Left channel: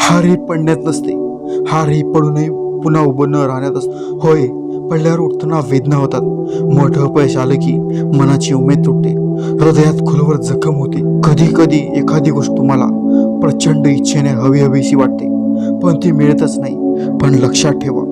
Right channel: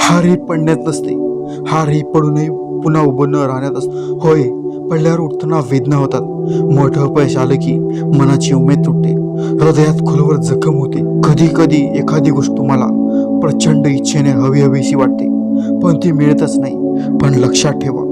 हार ही पडण्यात नसते. हार ही पडूनही पुन्हा उभं न राहण्यात असत. होय पडल्यावर उठताना वेदना होतात. मोठं अपयश आलं की मनाची उमेद तुटते. हृदयात खोलवर जखम होते. कधी कधी एखादी गोष्ट तुम्हाला प्रचंड इच्छेने हवी हवीशी वाटते. पण ती मिळतच नाही. पण लक्षात ठेवा.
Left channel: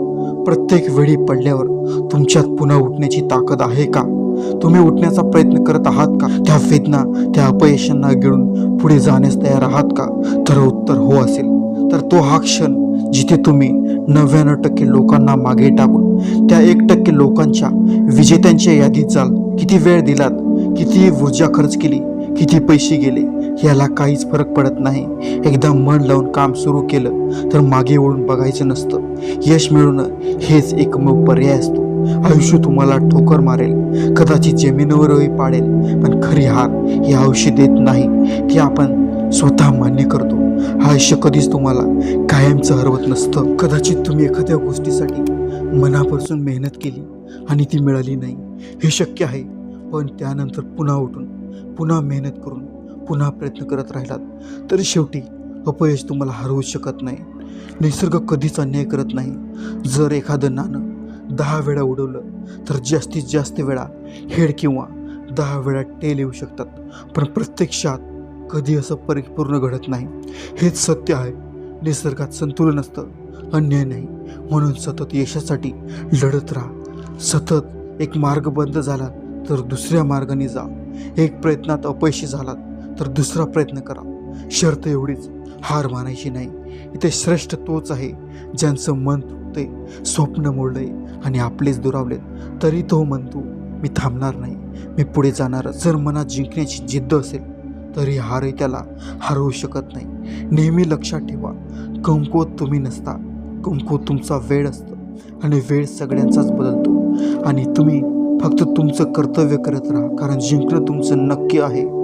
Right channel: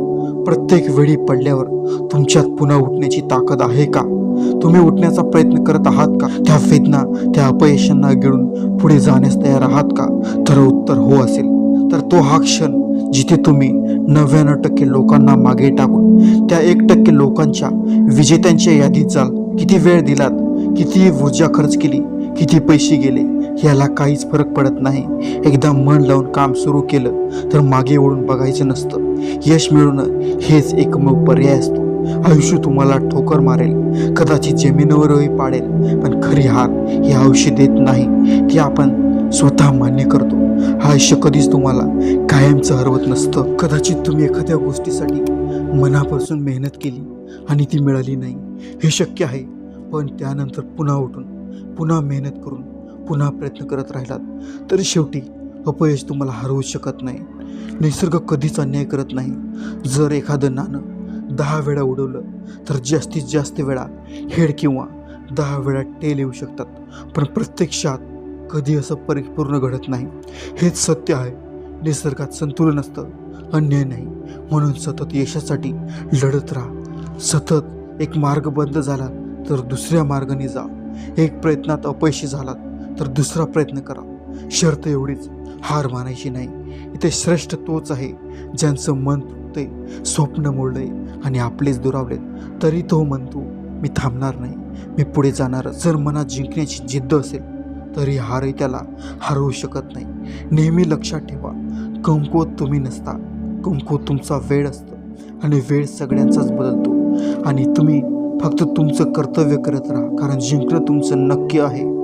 प्रत्येक वेळी पडल्यावर तुमच्यात पुन्हा उठण्याची ताकद आहे का? तुम्ही उठण्याचा प्रयत्न करत आहात का? त्या वेदना त्या अपयशांना गिळून पुढे जाण्यास तयार आहात का? तर उत्तर हो असेल. तर तो हा क्षण जिथे तुम्ही नव्याण्णव टक्के लोकांना मागे टाकून त्या एक टक्के लोकांच्या विजेत्यांच्या यादीत जाल. किती वेळ दिलात? किती ऊर्जा खर्च केली? किती पैसे गेले? याला काहीच फरक पडत नाही. एकदा मन लावून काम सुरू केलं तर मागे वळून बघायचं नसतं. यश मिळवणं हेच एकमेव पर्याय असतो. आयुष्य तुम्हाला ठोकर मारेल. कदाचित जमिनीवरही पाडेल. पण खरी हार हे आयुष्य देत नाही ती आपण स्वतः मान्य करतो. आयुष्य कधीच तुम्हाला कायमचं हरवत नसतं. कदाचित तुम्ही एखाद्या गोष्टीसाठी मनापासून मेहनत केली आणि ती मिळाली नाही. हे शक्य आहे. पण त्यानंतर पुन्हा उठून पुन्हा मेहनत करून पुन्हा प्रयत्न करत राहिलात तर शेवटी अपयश तुम्हाला हरवू शकत नाही. निसर्ग कधीच अन्याय करत नाही. जर एखादं नाणं दहा वेळा उडवलं तर जास्तीत जास्त वेळा हेड किंवा दहा वेळा टेल येऊ शकतात. पण प्रत्यक्षात कधी असं परिपूर्ण घडत नाही. हेच सत्य आहे. निसर्गात संतुलन असतं. अन्याय नाही. म्हणून सतत यशासाठी लढत राहा. सतत एक मार्ग बंद झाला तर दुसऱ्या मार्गाने जा. एक प्रयत्नात अपयशी झालात तर दुसरा प्रयत्न करा. शर्त एवढीच. हार मानायची नाही. इथे श्रेष्ठ तोच आहे ज्यांचं मन तुटते स्वप्न मोडलंय आणि आपलेच दुरावलेत. तरी तो म्हणतो मी थांबणार नाही. मी पुढे जाणार. जर मनात जिंकण्याची जिद्द असेल तरी हारही त्याला हरवू शकत नाही. नेहमी लक्षात ठेवा कमकुवत तुम्ही नसता. कमकुवत तुमचा वेळ असतो आणि वेळ सगळ्यांचाच बदलतो. आणि तुम्ही फक्त तुमचं कर्तव्य करत राहा कारण जिंकणं तुमचं नक्की आहे.